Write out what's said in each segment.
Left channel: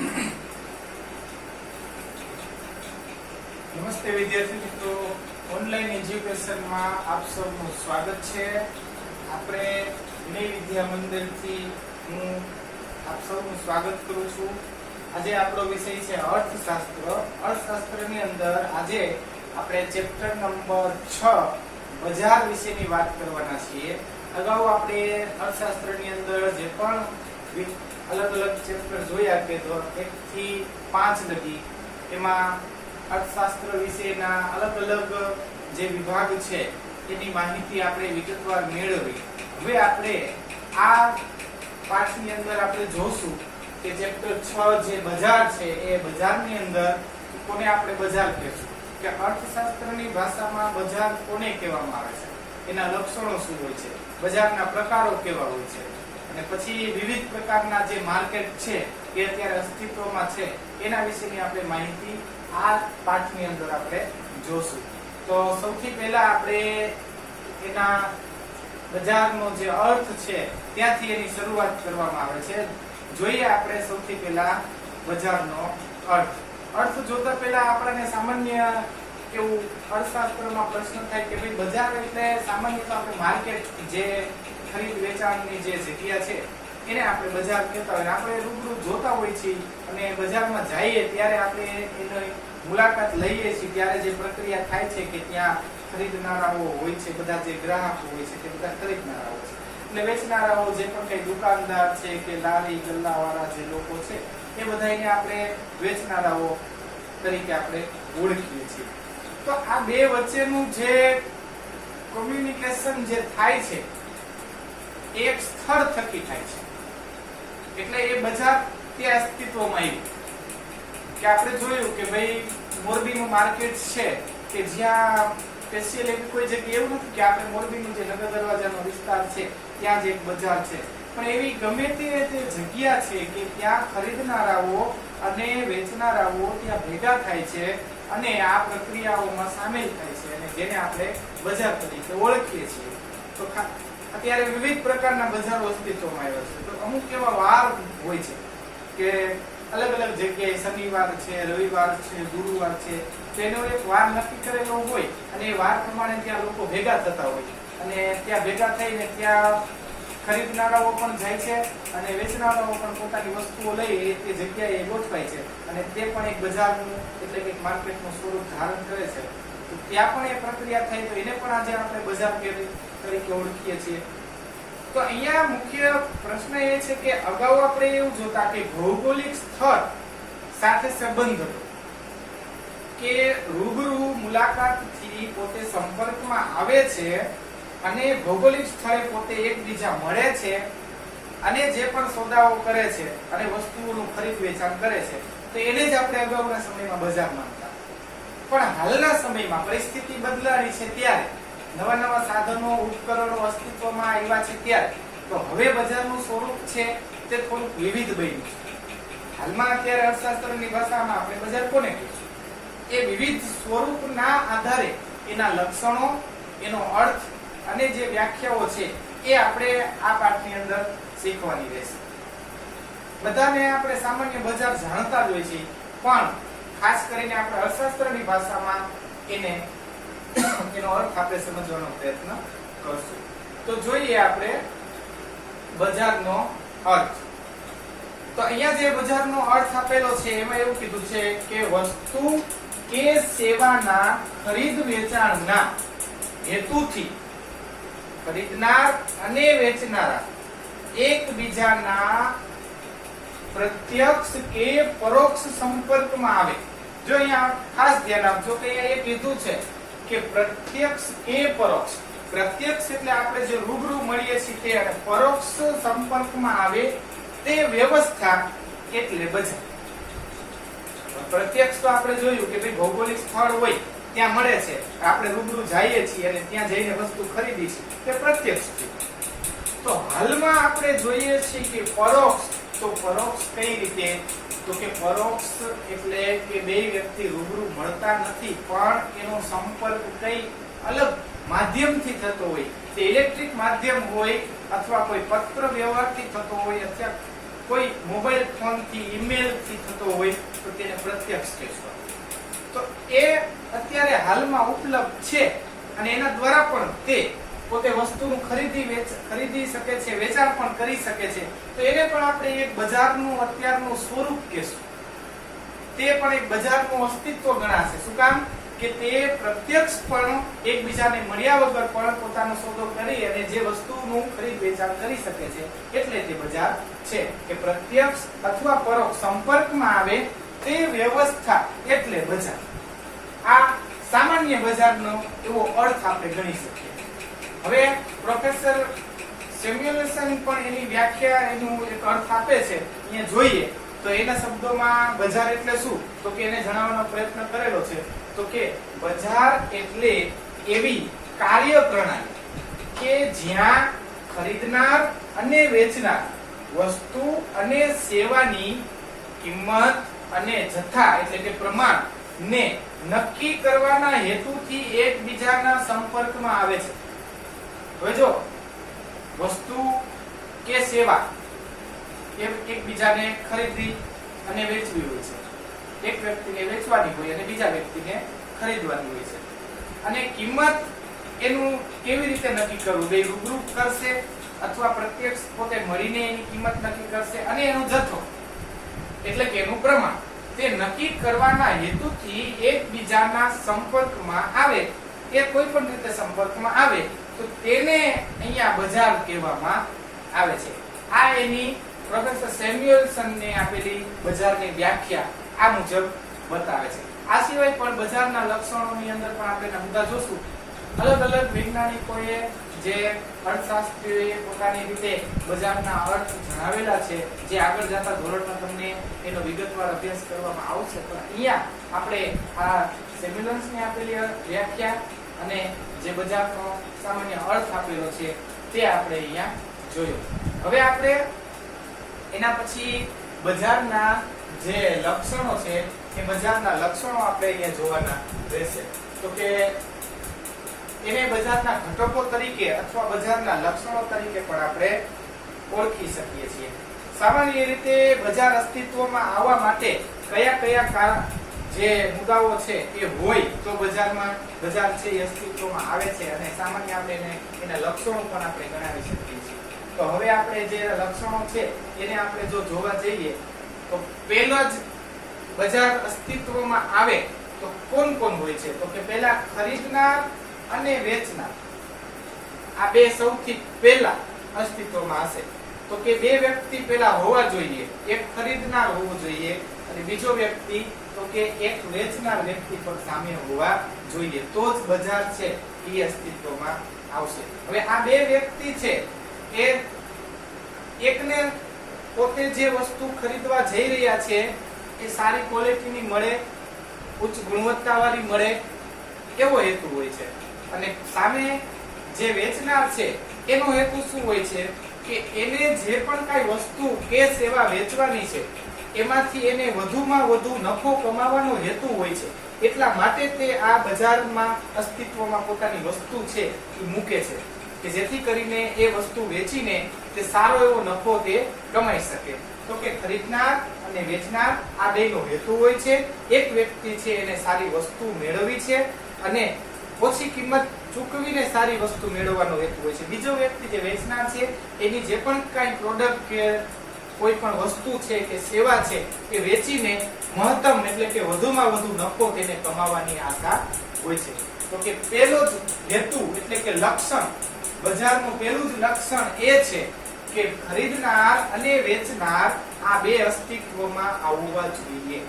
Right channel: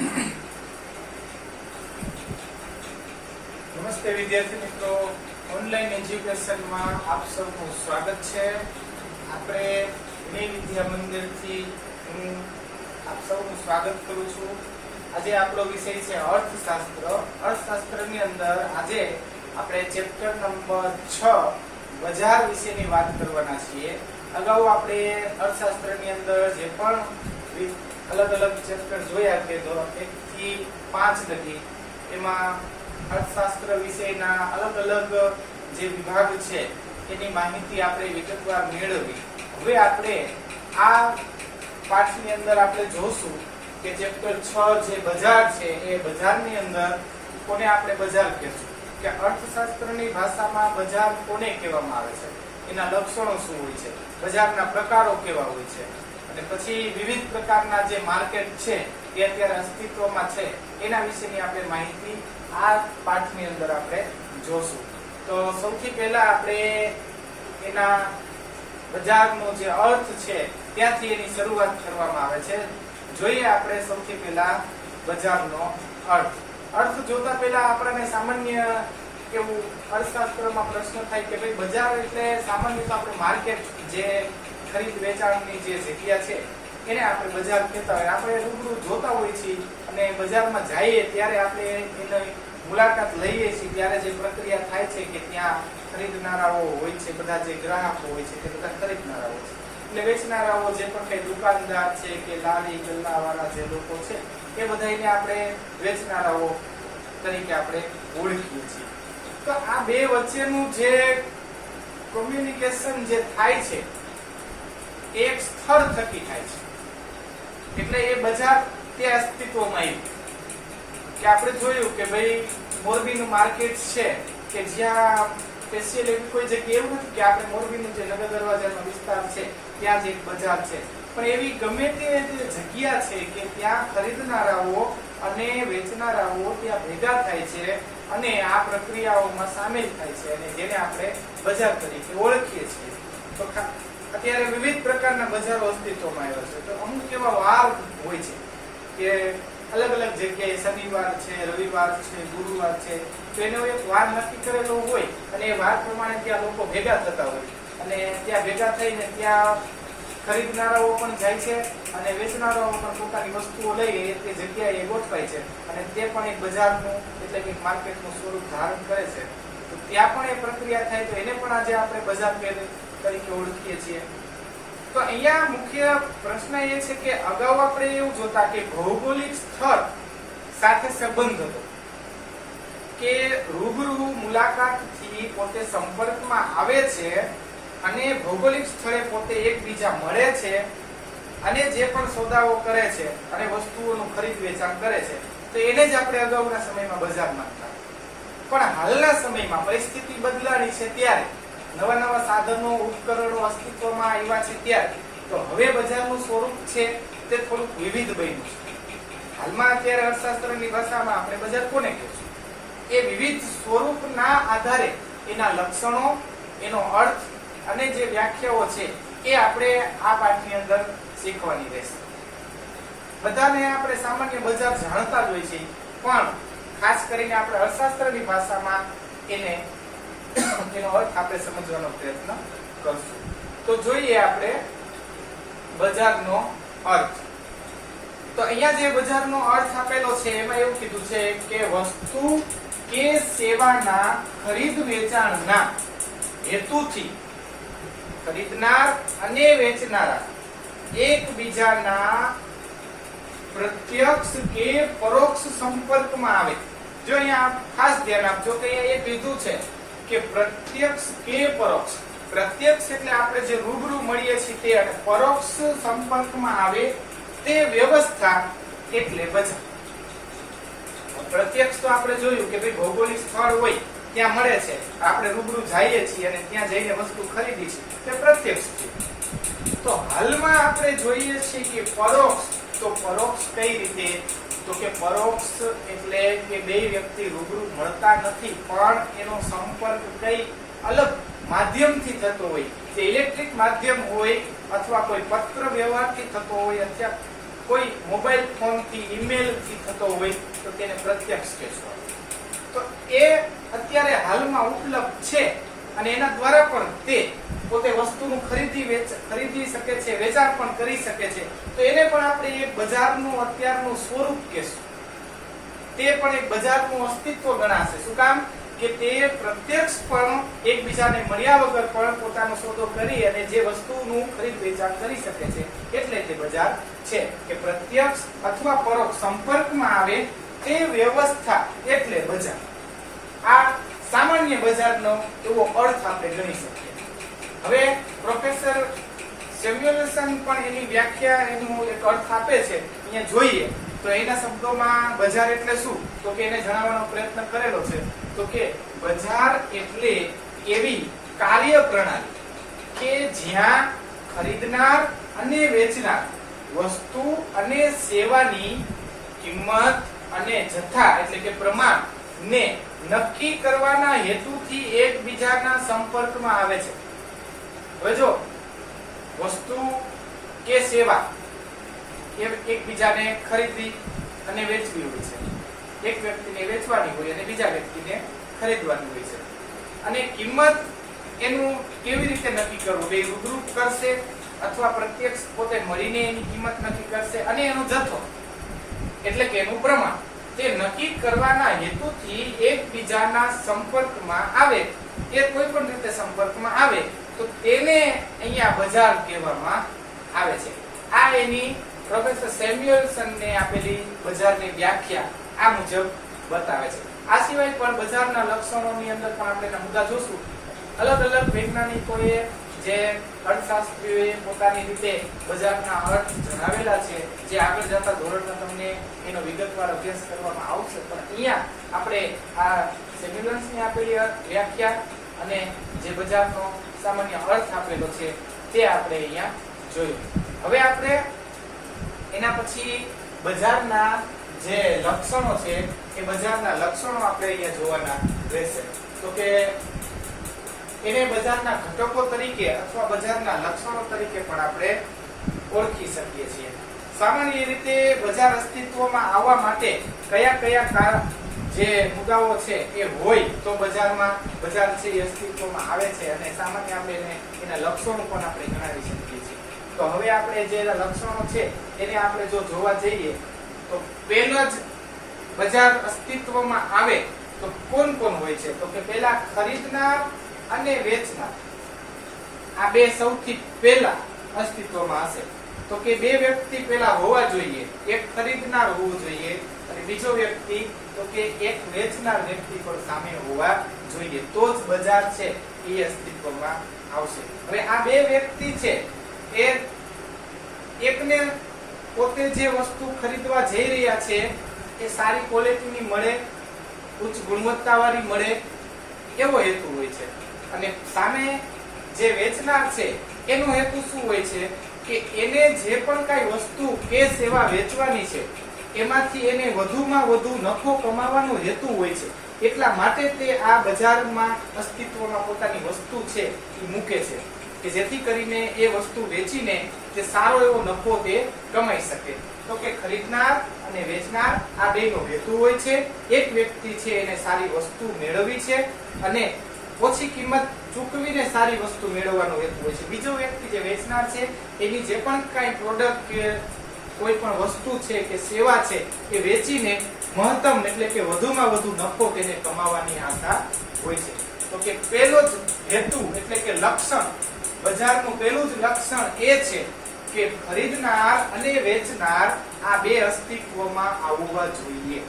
નમસ્તે વિદ્યાર્થી મિત્રો, ઓનલાઈન એજ્યુકેશનમાં આપ સૌનું સ્વાગત છે. આપણે વિનય વિદ્યા મંદિરથી હું આપ સૌનું સ્વાગત કરું છું. આજે આપણો વિષય છે અર્થશાસ્ત્ર. અર્થશાસ્ત્રની અંદર આજે આપણે ચેપ્ટર નંબર 6 બજાર વિશેની વાત કરવાના છીએ. અગાઉ આપણે અર્થશાસ્ત્રની અંદર જે પણ અલગ અલગ ચેપ્ટર જોયા કે 1 થી 5 લગી, એમાં અર્થશાસ્ત્ર વિષયના અલગ અલગ જે વિભાગ છે એની માહિતી આપણે વિગતવાર મેળવી. હવે આપણે આ પાઠની અંદર આપણે જોશું કે ચેપ્ટર 6 જે બજાર છે એ બજારની અંદર કોને આપણે બજાર કહેશું, કે અર્થશાસ્ત્રની ભાષામાં બજાર કોને કહેવામાં આવે છે, એના લક્ષણો શું હોય છે, બજારના પ્રકારો કેવા હોય છે, અને પછી વિવિધ પ્રકારના જે માર્કેટ છે એ અત્યારે અસ્તિત્વમાં છે એના વિશેની આપણે માહિતી આ પાઠની અંદર આપણે જોશું. તો સૌથી પહેલા આપણે એના બજારનો જે અર્થ છે ત્યાંથી એની શરૂઆત કરવામાં આવે છે. જોઈએ આપણે સૌથી પહેલા બજારનો અર્થ. અર્થ જોતા પહેલા આપણને સામાન્ય એવું અર્થશાસ્ત્રમાં પ્રશ્ન થાય કે ભાઈ બજાર એટલે સામાન્ય તો આપણે માર્કેટ, જે ખરીદ વેચાણની જે જગ્યા છે એને આપણે બજાર કહેતા હોય. આપણે રૂબરૂ જોતા હોય છીએ અને બજારમાં જઈએ ત્યારે આપણે એની મુલાકાત લઈએ છીએ ત્યારે જે પ્રક્રિયા થાય છે કે ત્યાં ખરીદનારાઓ હોય છે, બધા જે ગ્રાહકો હોય છે તે બધા ખરીદનારાઓ છે, એટલે વેચનારાઓ જે પણ કઈ દુકાનદાર છે કે લારી ગલ્લાવાળા જે લોકો છે એ બધાને આપણે વેચનારાઓ તરીકે આપણે ઓળખીએ છીએ. તો આ બે વચ્ચેનું જે કોમ્યુનિકેશન જે થાય છે એક સ્થળ થકી થાય છે, એટલે એ બજાર તે અસ્તિત્વમાં આવ્યું. કે આપણે જોયું કે ભાઈ મોરબીનું માર્કેટ છે કે જ્યાં સ્પેશિયલ એવી કોઈ જગ્યા એવું નથી કે આપણે મોરબીનું જે નગર દરવાજાનો વિસ્તાર છે ત્યાં જ એક બજાર છે, પણ એવી ગમે તે જગ્યા છે કે ત્યાં ખરીદનારાઓ અને વેચનારાઓ ત્યાં ભેગા થાય છે અને આ પ્રક્રિયાઓમાં સામેલ થાય છે અને જેને આપણે બજાર તરીકે ઓળખીએ છીએ. તો અત્યારે વિવિધ પ્રકારના બજારો અસ્તિત્વમાં આવ્યા છે. તો અમુક એવા વાર હોય છે કે અલગ અલગ જગ્યાએ શનિવાર છે, રવિવાર છે, ગુરુવાર છે, તો એનો એક વાર નક્કી કરેલો હોય અને એ વાર પ્રમાણે ત્યાં લોકો ભેગા થતા હોય અને ત્યાં ભેગા થઈને ત્યાં ખરીદનારાઓ પણ જાય છે અને વેચનારાઓ પણ પોતાની વસ્તુઓ લઈ તે જગ્યાએ ગોઠવાય છે અને તે પણ એક બજારનું એટલે કે માર્કેટનું સ્વરૂપ ધારણ કરે છે. તો ત્યાં પણ એ પ્રક્રિયા થાય, તો એને પણ આજે આપણે બજાર તરીકે ઓળખીએ છીએ. તો અહીંયા મુખ્ય પ્રશ્ન એ છે કે અગાઉ આપણે એવું જોતા કે ભૌગોલિક સ્થળ સાથે સંબંધ હતો, કે રૂબરૂ મુલાકાતથી પોતે સંપર્કમાં આવે છે અને ભૌગોલિક સ્થળે પોતે એકબીજા મળે છે અને જે પણ સોદાઓ કરે છે અને વસ્તુઓનું ખરીદ વેચાણ કરે છે, તો એને જ આપણે અગાઉના સમયમાં બજાર માનતા. પણ હાલના સમયમાં પરિસ્થિતિ બદલાણી છે ત્યારે નવા નવા સાધનો ઉપકરણો અસ્તિત્વમાં આવ્યા છે ત્યારે તો હવે બજારનું સ્વરૂપ છે તે થોડુંક વિવિધ બન્યું છે. હાલમાં અત્યારે અર્થશાસ્ત્રની ભાષામાં આપણે બજાર કોને કહીશું, એ વિવિધ સ્વરૂપના આધારે એના લક્ષણો, એનો અર્થ અને જે વ્યાખ્યાઓ છે એ આપણે આ પાઠની અંદર શીખવાની રહેશે. બધાને આપણે સામાન્ય બજાર જાણતા જ હોય છે, પણ ખાસ કરીને આપણે અર્થશાસ્ત્રની ભાષામાં એનો અર્થ આપણે સમજવાનો પ્રયત્ન કરશું. તો જોઈએ આપણે બજારનો અર્થ. તો અહીંયા જે બજારનો અર્થ આપેલો છે એમાં એવું કીધું છે કે વસ્તુ કે સેવાના ખરીદ વેચાણના હેતુથી ખરીદનાર અને વેચનારા એકબીજાના પ્રત્યક્ષ કે પરોક્ષ સંપર્કમાં આવે. જો અહીંયા ખાસ ધ્યાન આપજો કે અહીંયા એ કીધું છે કે પ્રત્યક્ષ કે પરોક્ષ. પ્રત્યક્ષ એટલે આપણે જે રૂબરૂ મળીએ છીએ તે, અને પરોક્ષ સંપર્કમાં આવે તે વ્યવસ્થા એટલે બજાર. પ્રત્યક્ષ તો આપણે જોયું કે ભાઈ ભૌગોલિક સ્થળ હોય ત્યાં મળે છે, આપણે રૂબરૂ જઈએ છીએ અને ત્યાં જઈને વસ્તુ ખરીદી છે, તે પ્રત્યક્ષ છે. તો હાલમાં આપણે જોઈએ છીએ કે પરોક્ષ. તો પરોક્ષ કઈ રીતે, તો કે પરોક્ષ એટલે કે બે વ્યક્તિ રૂબરૂ મળતા નથી પણ એનો સંપર્ક કઈ અલગ માધ્યમથી થતો હોય, તે ઇલેક્ટ્રિક માધ્યમ હોય અથવા કોઈ પત્ર વ્યવહારથી થતો હોય કોઈ મોબાઈલ ફોન થી ઈમેલ થી થતો હોય તો તેને પ્રત્યક્ષ કહેશું. તો એ અત્યારે હાલમાં ઉપલબ્ધ છે અને એના દ્વારા પણ તે પોતે વસ્તુનું ખરીદી શકે છે, વેચાણ પણ કરી શકે છે. તો એને પણ આપણે એક બજારનું અત્યારનું સ્વરૂપ કહેશું. તે પણ એક બજારનું અસ્તિત્વ ગણાશે. શું કામ? કે તે પ્રત્યક્ષ પણ એકબીજાને મળ્યા વગર પણ પોતાનો સોદો કરી અને જે વસ્તુનું ખરીદ વેચાણ કરી શકે છે, એટલે તે બજાર છે. કે પ્રત્યક્ષ અથવા પરોક્ષ સંપર્કમાં આવે તે વ્યવસ્થા એટલે બજાર. આ સામાન્ય બજારનો એવો અર્થ આપણે ગણી શકીએ. હવે પ્રોફેસર સેમ્યુએલસન પણ એની વ્યાખ્યા એનું એક અર્થ આપે છે. અહીંયા જોઈએ તો એના શબ્દોમાં બજાર એટલે શું, તો કે એને જણાવવાનો પ્રયત્ન કરેલો છે. તો કે બજાર એટલે એવી કાર્ય પ્રણાલી કે જ્યાં ખરીદનાર અને વેચનાર વસ્તુ અને સેવાની કિંમત અને જથ્થા એટલે કે પ્રમાણ ને નક્કી કરવાના હેતુથી એકબીજાના સંપર્કમાં આવે છે. હવે જો વસ્તુ કે સેવા એકબીજાને ખરીદવી અને વેચવી હોય છે. એક વ્યક્તિને વેચવાની હોય અને બીજા વ્યક્તિને ખરીદવાની હોય છે. અને કિંમત એનું કેવી રીતે નક્કી કરવું, બે રૂબરૂ કરશે અથવા પ્રત્યક્ષ પોતે મળીને એની કિંમત નક્કી કરશે. અને એનો જથ્થો એટલે કે એનું પ્રમાણ તે નક્કી કરવાના હેતુથી એકબીજાના સંપર્કમાં આવે. એ કોઈ પણ રીતે સંપર્કમાં આવે તો તેને અહીંયા બજાર કહેવામાં આવે છે. આ એની પ્રોફેસર સેમ્યુએલસનને આપેલી બજારની વ્યાખ્યા આ મુજબ બતાવે છે. આ સિવાય પણ બજારના લક્ષણોની અંદર પણ આપણે મુદ્દા જોશું. અલગ અલગ વૈજ્ઞાનિકોએ જે અર્થશાસ્ત્રીઓએ પોતાની રીતે બજારના અર્થ જણાવેલા છે, જે આગળ જતા ધોરણમાં તમને એનો વિગતવાર અભ્યાસ કરવામાં આવશે. પણ અહીંયા આપણે આ સેમ્યુએલસનને આપેલી વ્યાખ્યા અને જે બજારનો સામાન્ય અર્થ આપેલો છે તે આપણે અહીંયા જોયું. હવે આપણે એના પછી બજારના જે લક્ષણો છે એ બજારના લક્ષણો આપણે અહીંયા જોવાના રહેશે. તો કે એને બજારના ઘટકો તરીકે અથવા બજારના લક્ષણો તરીકે પણ આપણે ઓળખી શકીએ છીએ. સામાન્ય રીતે બજાર અસ્તિત્વમાં આવવા માટે કયા કયા જે મુદ્દાઓ છે એ હોય તો બજારમાં બજાર છે એ અસ્તિત્વમાં આવે છે. અને સામાન્ય આપણે એના લક્ષણો પણ આપણે ગણાવી શકીએ છીએ. તો હવે આપણે જે લક્ષણો છે એને આપણે જો જોવા જઈએ તો પહેલા જ બજાર અસ્તિત્વમાં આવે તો કોણ કોણ હોય છે, તો કે પહેલા ખરીદનાર અને વેચનાર. આ બે સૌથી પહેલા અસ્તિત્વમાં હશે. તો કે બે વ્યક્તિ પહેલા હોવા જોઈએ. એક ખરીદનાર હોવું જોઈએ અને બીજો વ્યક્તિ તો કે એક વેચનાર વ્યક્તિ પણ સામે હોવા જોઈએ. તો જ બજાર છે એ અસ્તિત્વમાં આવશે. હવે આ બે વ્યક્તિ છે એ એકને પોતે જે વસ્તુ ખરીદવા જઈ રહ્યા છે એ સારી ક્વોલિટીની મળે, ઉચ્ચ ગુણવત્તાવાળી મળે એવો હેતુ હોય છે. અને સામે જે વેચનાર છે એનો હેતુ શું હોય છે કે એને જે પણ કાંઈ વસ્તુ કે સેવા વેચવાની છે એમાંથી એને વધુમાં વધુ નફો કમાવાનો હેતુ હોય છે. એટલા માટે તે આ બજારમાં અસ્તિત્વમાં પોતાની વસ્તુ છે એ મૂકે છે કે જેથી કરીને એ વસ્તુ વેચીને તે સારો એવો નફો તે કમાઈ શકે. તો કે ખરીદનાર અને વેચનાર આ બેનો હેતુ હોય છે. એક વ્યક્તિ છે એને સારી વસ્તુ મેળવવી છે અને ઓછી કિંમત ચૂકવીને સારી વસ્તુ મેળવવાનો હેતુ હોય છે. બીજો વ્યક્તિ જે વેચનાર છે એની જે પણ કાંઈ પ્રોડક્ટ કે કોઈ પણ વસ્તુ છે કે સેવા છે એ વેચીને મહત્તમ એટલે કે વધુમાં વધુ નફો તેને કમાવાની આશા હોય છે. તો કે પહેલો જ હેતુ એટલે કે લક્ષણ, બજારનું પહેલું જ લક્ષણ એ છે કે ખરીદનાર અને વેચનાર આ બે અસ્તિત્વમાં આવવા જોઈએ.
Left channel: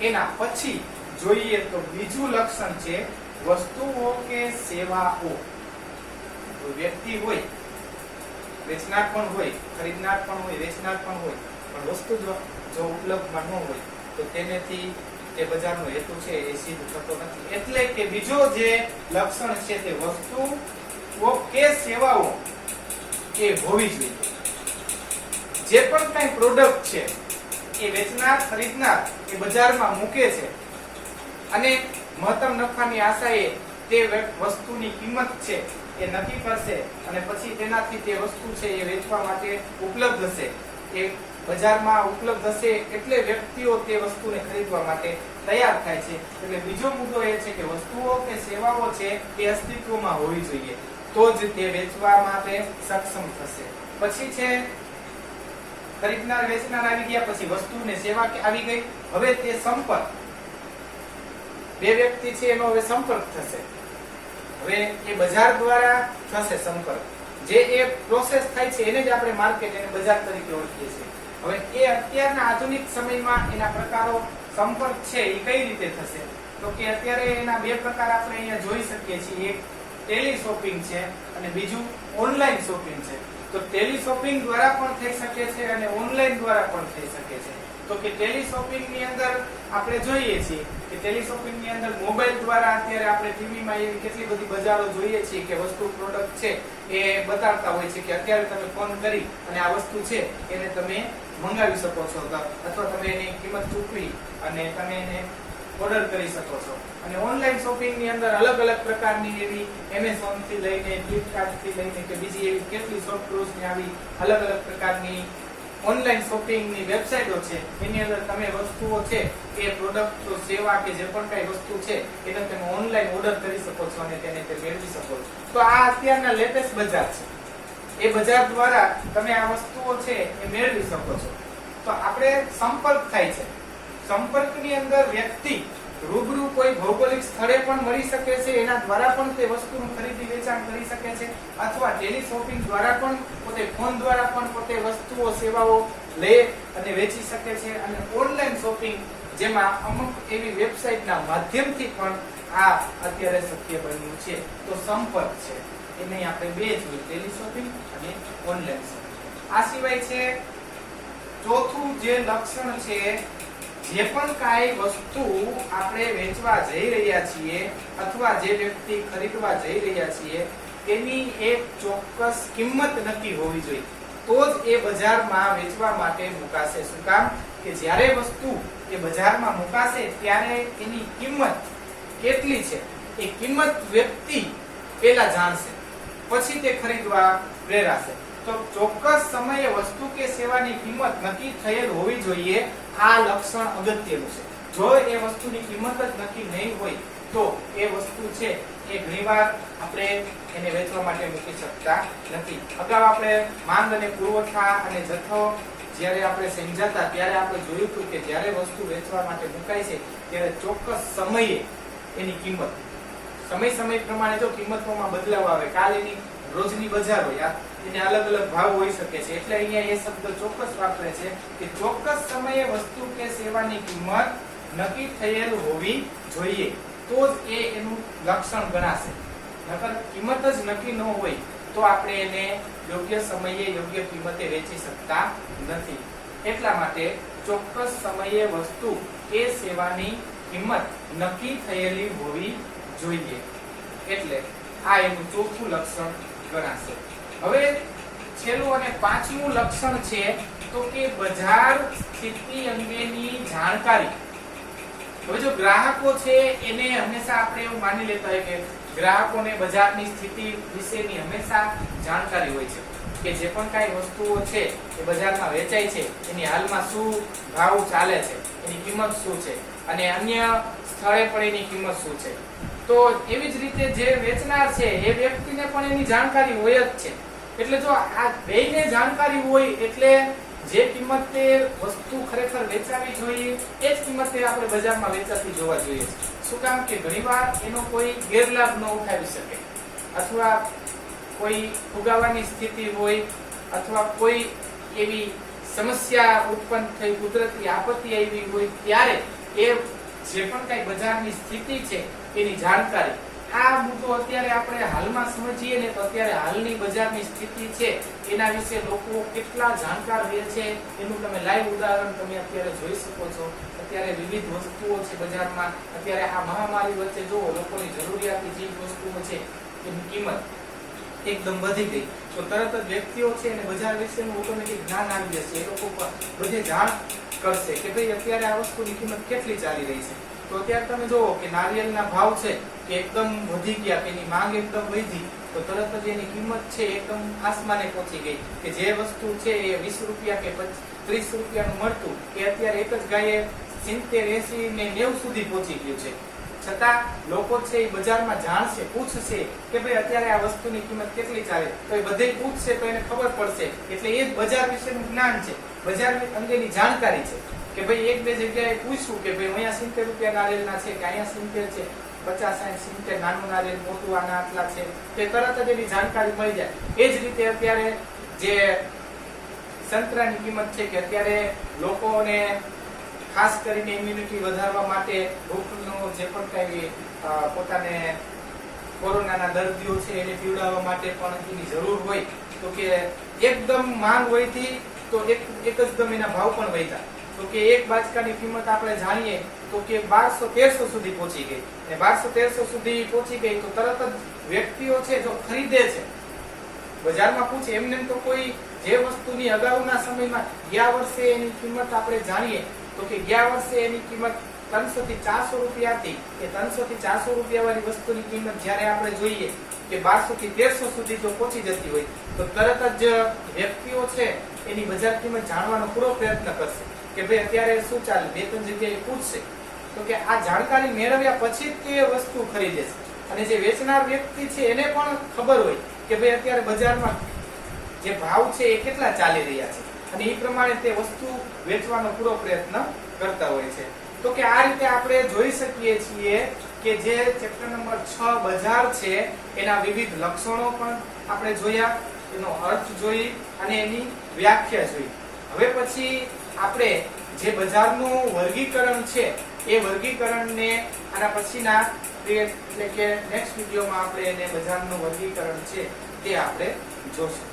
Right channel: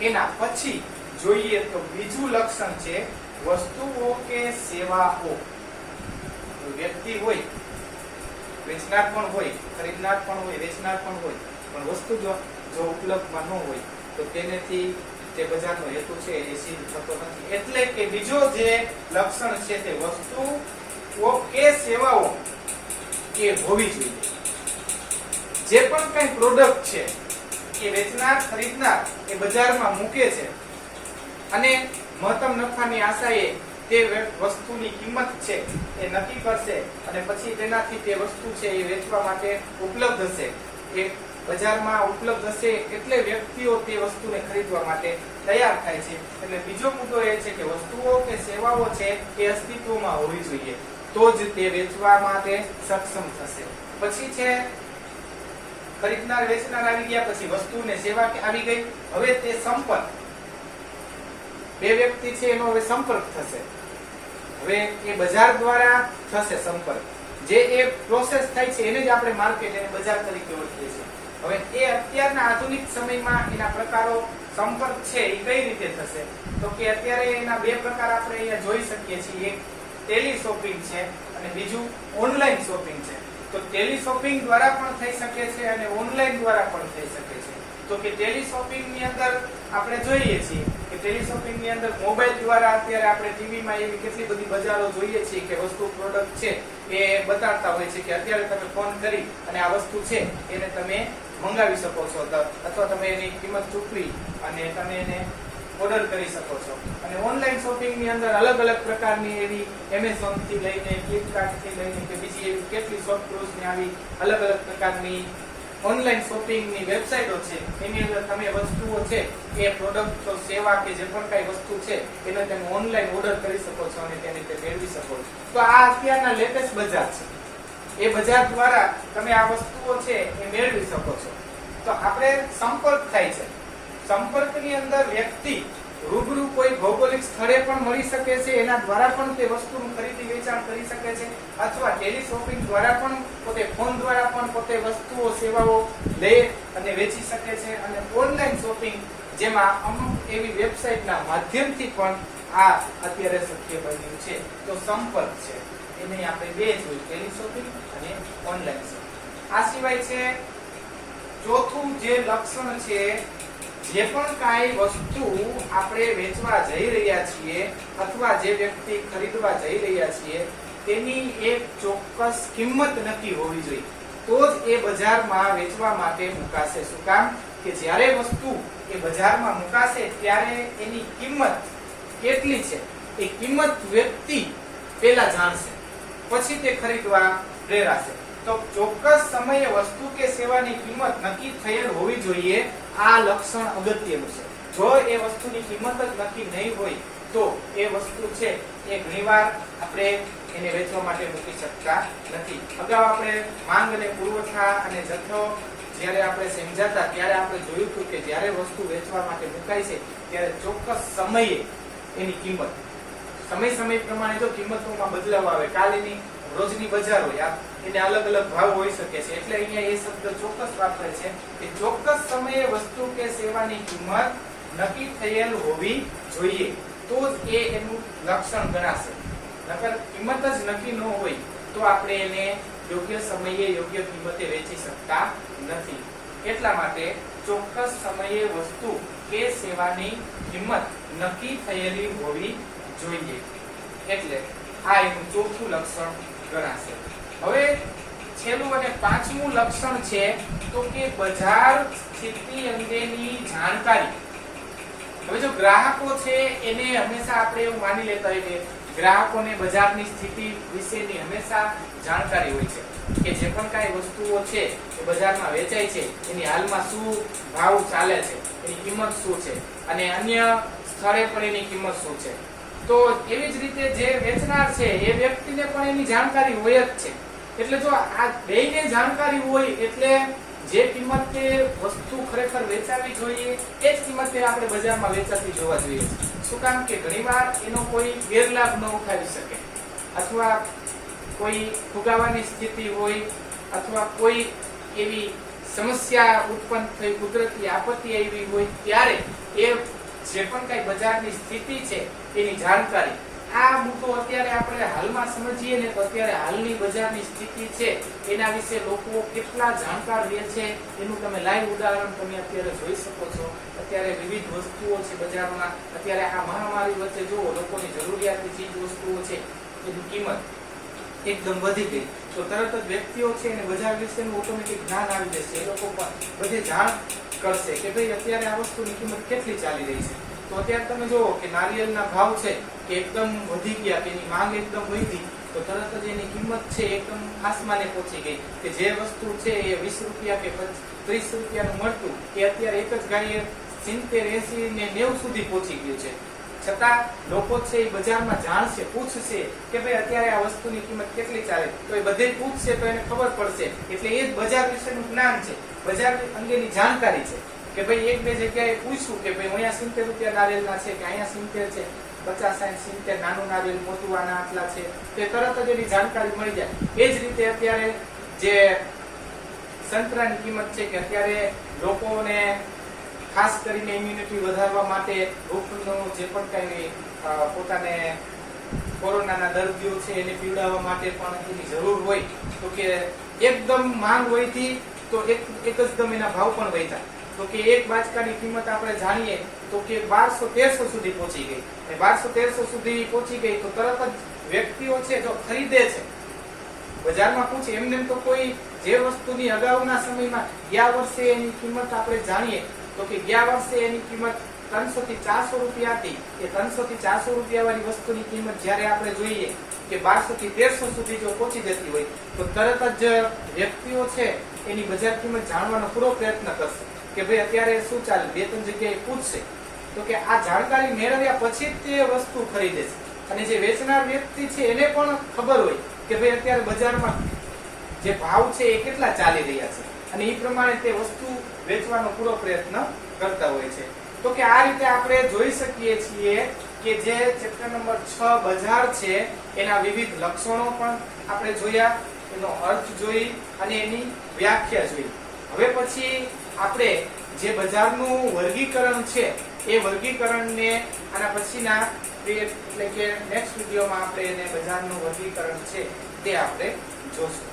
એના પછી જોઈએ તો બીજું લક્ષણ છે વસ્તુઓ કે સેવાઓ. વ્યક્તિ હોય, વેચનાર પણ હોય, ખરીદનાર પણ હોય, વેચનાર પણ હોય, પણ વસ્તુ જો ઉપલબ્ધમાં ન હોય તો તેનેથી તે બજારનો હેતુ છે એ સિદ્ધ થતો નથી. એટલે કે બીજો જે લક્ષણ છે તે વસ્તુઓ કે સેવાઓ એ હોવી જોઈએ. જે પણ કઈ પ્રોડક્ટ છે એ વેચનાર ખરીદનાર એ બજારમાં મૂકે છે અને મહત્તમ નફાની આશાએ તે વસ્તુની કિંમત છે એ નક્કી કરશે અને પછી તેનાથી તે વસ્તુ છે એ વેચવા માટે ઉપલબ્ધ હશે. એ બજારમાં ઉપલબ્ધ હશે એટલે વ્યક્તિઓ તે વસ્તુને ખરીદવા માટે તૈયાર થાય છે. એટલે બીજો મુદ્દો એ છે કે વસ્તુઓ કે સેવાઓ છે એ અસ્તિત્વમાં હોવી જોઈએ, તો જ તે વેચવા માટે સક્ષમ થશે. પછી છે ખરીદનાર વેચનાર આવી ગયા, પછી વસ્તુ ને સેવા આવી ગઈ. હવે તે સંપર્ક, બે વ્યક્તિ છે એનો હવે સંપર્ક થશે. હવે એ બજાર દ્વારા થશે સંપર્ક. જે એ પ્રોસેસ થાય છે એને જ આપણે માર્કેટ અને બજાર તરીકે ઓળખીએ છીએ. હવે એ અત્યારના આધુનિક સમયમાં એના પ્રકારો સંપર્ક છે એ કઈ રીતે થશે, તો કે અત્યારે એના બે પ્રકાર આપણે અહીંયા જોઈ શકીએ છીએ. એક ટેલી શોપિંગ છે અને બીજું ઓનલાઈન શોપિંગ છે. તો ટેલી શોપિંગ દ્વારા પણ થઈ શકે છે અને ઓનલાઈન દ્વારા પણ થઈ શકે છે. તો કે ટેલી શોપિંગ ની અંદર આપણે જોઈએ છીએ કે ટેલી શોપિંગ ની અંદર મોબાઈલ દ્વારા અત્યારે આપણે ટીવી માં એવી કેટલી બધી બજારો જોઈએ છીએ કે વસ્તુ પ્રોડક્ટ છે એ બતાડતા હોય છે કે અત્યારે તમે ફોન કરી અને આ વસ્તુ છે એને તમે મંગાવી શકો છો, અથવા તમે એની કિંમત ચૂકવી અને તમે એને ઓર્ડર કરી શકો છો. અને ઓનલાઈન શોપિંગ ની અંદર અલગ અલગ પ્રકારની એવી એમેઝોન થી લઈને ફ્લિપકાર્ટ થી લઈને કે બીજી એવી કેટલી શોપક્લૂઝ ની આવી અલગ અલગ પ્રકારની ઓનલાઈન શોપિંગ ની વેબસાઇટો છે. એની અંદર તમે વસ્તુઓ છે એ પ્રોડક્ટ સેવા કે જે પણ કઈ વસ્તુ છે એને તમે ઓનલાઈન ઓર્ડર કરી શકો છો અને તેને તે મેળવી શકો છો. તો આ અત્યારના લેટેસ્ટ બજાર છે. એ બજાર દ્વારા તમે આ વસ્તુઓ છે એ મેળવી શકો છો. તો આપણે સંપર્ક થાય છે. સંપર્કની અંદર વ્યક્તિ રૂબરૂ કોઈ ભૌગોલિક સ્થળે પણ મળી શકે છે, એના દ્વારા પણ તે વસ્તુનું ખરીદી વેચાણ કરી શકે છે, અથવા ટેલી શોપિંગ દ્વારા પણ પોતે ફોન દ્વારા પણ પોતે વસ્તુઓ સેવાઓ લે અને વેચી શકે છે. અને ઓનલાઈન શોપિંગ જેમાં અમુક એવી વેબસાઇટના માધ્યમથી પણ આ અત્યારે શક્ય બન્યું છે. તો સંપર્ક છે એને આપણે બે જોયું, ટેલી શોપિંગ અને ઓનલાઈન શોપિંગ. આ સિવાય છે ચોથું જે લક્ષણ છે, જે પણ કાંઈ વસ્તુ આપણે વેચવા જઈ રહ્યા છીએ અથવા જે વ્યક્તિ ખરીદવા જઈ રહ્યા છીએ તેની એક ચોક્કસ કિંમત નક્કી હોવી જોઈએ, તો જ એ બજારમાં વેચવા માટે મુકાશે. શું કામ કે જ્યારે વસ્તુ એ બજારમાં મુકાશે ત્યારે એની કિંમત કેટલી છે એ કિંમત વ્યક્તિ પહેલા જાણશે, પછી તે ખરીદવા પ્રેરાશે. તો ચોક્કસ સમયે વસ્તુ કે સેવાની કિંમત નક્કી થયેલ હોવી જોઈએ. આ લક્ષણ અગત્યનું છે. જો એ વસ્તુની કિંમત જ નક્કી નહીં હોય તો એ વસ્તુ છે એ ઘણીવાર આપણે એને વેચવા માટે મૂકી શકતા નથી. અગાઉ આપણે માંગ અને પુરવઠા અને જથ્થો જ્યારે આપણે સમજાતા ત્યારે આપણે જોયું હતું કે જ્યારે વસ્તુ વેચવા માટે મુકાય છે ત્યારે ચોક્કસ સમયે એની કિંમત સમય પ્રમાણે જો કિંમતોમાં બદલાવ આવે, કાલની રોજની બજાર હોય એને અલગ અલગ ભાવ હોઈ શકે છે. એટલે અહીંયા એ શબ્દ ચોક્કસ વાપરે છે કે ચોક્કસ સમયે વસ્તુ કે સેવાની કિંમત નક્કી થયેલ હોવી જોઈએ, તો જ એ એનું લક્ષણ ગણાશે. નકર કિંમત જ નક્કી ન હોય તો આપણે એને યોગ્ય સમયે યોગ્ય કિંમતે વેચી શકતા નથી. એટલા માટે ચોક્કસ સમયે વસ્તુ કે સેવાની કિંમત નક્કી થયેલી હોવી જોઈએ. એટલે આ એનું ચોથું લક્ષણ ગણાશે. હવે છેલ્લું અને પાંચમું લક્ષણ છે તો કે બજાર સ્થિતિ અંગેની જાણકારી. હવે જો ગ્રાહકો છે એને હંમેશા આપણે એવું માની લેતા હોય કે ગ્રાહકોને બજારની સ્થિતિ વિશેની હંમેશા જાણકારી હોય છે કે જે પણ કાંઈ વસ્તુઓ છે એ બજારમાં વેચાય છે એની હાલમાં શું ભાવ ચાલે છે, એની કિંમત શું છે અને અન્ય સ્થળે પણ એની કિંમત શું છે. તો એવી જ રીતે જે વેચનાર છે એ વ્યક્તિને પણ એની જાણકારી હોય જ છે. એટલે જો આ બેયને જાણકારી હોય એટલે જે કિંમતે વસ્તુ ખરેખર વેચાવી જોઈએ એ જ કિંમતે આપણે બજારમાં વેચાતી જોવા જોઈએ. શું કામ કે ઘણીવાર એનો કોઈ ગેરલાભ ન ઉઠાવી શકે, અથવા કોઈ ફુગાવાની સ્થિતિ હોય, અથવા કોઈ એવી સમસ્યા ઉત્પન્ન થઈ, કુદરતી આપત્તિ આવી હોય ત્યારે એ જે પણ કઈ બજારની સ્થિતિ છે એની જાણકારી. આ મુદ્દો અત્યારે આપણે હાલમાં સમજીએ ને તો અત્યારે હાલની બજારની સ્થિતિ છે એના વિશે લોકો કેટલા જાણકાર રહે છે એનું તમે લાઈવ ઉદાહરણ તમે અત્યારે જોઈ શકો છો. અત્યારે વિવિધ વસ્તુઓ છે બજારમાં. અત્યારે આ મહામારી વચ્ચે જો લોકોની જરૂરિયાતની ચીજ વસ્તુઓ છે એની કિંમત એકદમ વધી ગઈ તો તરત જ વ્યક્તિઓ છે અને બજાર વિશેનું ઓટોમેટિક જ્ઞાન આવી જશે. એ લોકો પણ બધે જાણ કરશે કે ભાઈ અત્યારે આ વસ્તુની કિંમત કેટલી ચાલી રહી છે. તો અત્યારે તમે જુઓ કે નારિયેળના ભાવ છે કે એકદમ વધી ગયા, કે એની માંગ એકદમ વધી, તો તરત જ એની કિંમત છે એકદમ આસમાને પહોંચી ગઈ કે જે વસ્તુ છે એ 20 રૂપિયા કે 30 રૂપિયાનું મળતું એ અત્યારે એક જ ગાયે 70, 80 ને 90 સુધી પહોંચી ગયું છે. છતાં લોકો છે એ બજારમાં જાણશે, પૂછશે કે ભાઈ અત્યારે આ વસ્તુની કિંમત કેટલી ચાલે, તો એ બધે પૂછશે તો એને ખબર પડશે. એટલે એ જ બજાર વિશેનું જ્ઞાન છે, બજાર અંગેની જાણકારી છે કે ભાઈ એક બે જગ્યાએ પૂછવું કે ભાઈ અહીંયા 70 રૂપિયા નારિયેળના છે કે અહીંયા 70 છે, 50, 60, 70 નાનું નારિયેળ, મોટું આના આટલા છે, તે તરત જ એની જાણકારી મળી જાય. એ જ રીતે અત્યારે જે સંતરાની કિંમત છે કે અત્યારે લોકોને ખાસ કરીને ઇમ્યુનિટી વધારવા માટે રોગનું જે પણ કઈ પોતાને કોરોનાના દર્દીઓ છે એને પીવડાવવા માટે પણ એની જરૂર હોય તો કે એકદમ માંગ હોયથી તો એકદમ એના ભાવ પણ વધ્યા. તો કે એક બાચકાની કિંમત આપણે જાણીએ તો કે 1200-1300 સુધી પહોંચી ગઈ. અને 1200-1300 સુધી પહોંચી ગઈ તો તરત જ વ્યક્તિઓ છે જો ખરીદે છે, બજારમાં પૂછે. એમને તો કોઈ જે વસ્તુની અગાઉના સમયમાં ગયા વર્ષે એની કિંમત આપણે જાણીએ તો કે ગયા વર્ષે એની કિંમત 300 થી 400 રૂપિયા હતી. એ 300 થી 400 રૂપિયા વાળી વસ્તુની કિંમત જ્યારે આપણે જોઈએ કે 1200 થી 1300 સુધી જો પહોંચી જતી હોય તો તરત જ વ્યક્તિઓ છે એની બજાર કિંમત જાણવાનો પૂરો પ્રયત્ન કરશે કે ભાઈ અત્યારે શું ચાલે. 2-3 જગ્યાએ પૂછશે તો કે આ જાણકારી મેળવ્યા પછી જ તે વસ્તુ ખરીદે છે. અને જે વેચનાર વ્યક્તિ છે એને પણ ખબર હોય કે ભાઈ અત્યારે બજારમાં જે ભાવ છે એ કેટલા ચાલી રહ્યા છે અને એ પ્રમાણે તે વસ્તુ વેચવાનો પૂરો પ્રયત્ન કરતા હોય છે. તો કે આ રીતે આપણે જોઈ શકીએ છીએ કે જે ચેપ્ટર નંબર 6 બજાર છે એના વિવિધ લક્ષણો પણ આપણે જોયા, એનો અર્થ જોઈ અને એની વ્યાખ્યા જોઈ. હવે પછી આપણે જે બજારનું વર્ગીકરણ છે એ વર્ગીકરણને આના પછીના એટલે કે નેક્સ્ટ વિડીયોમાં આપણે એને બજારનું વર્ગીકરણ છે તે આપણે જોશું.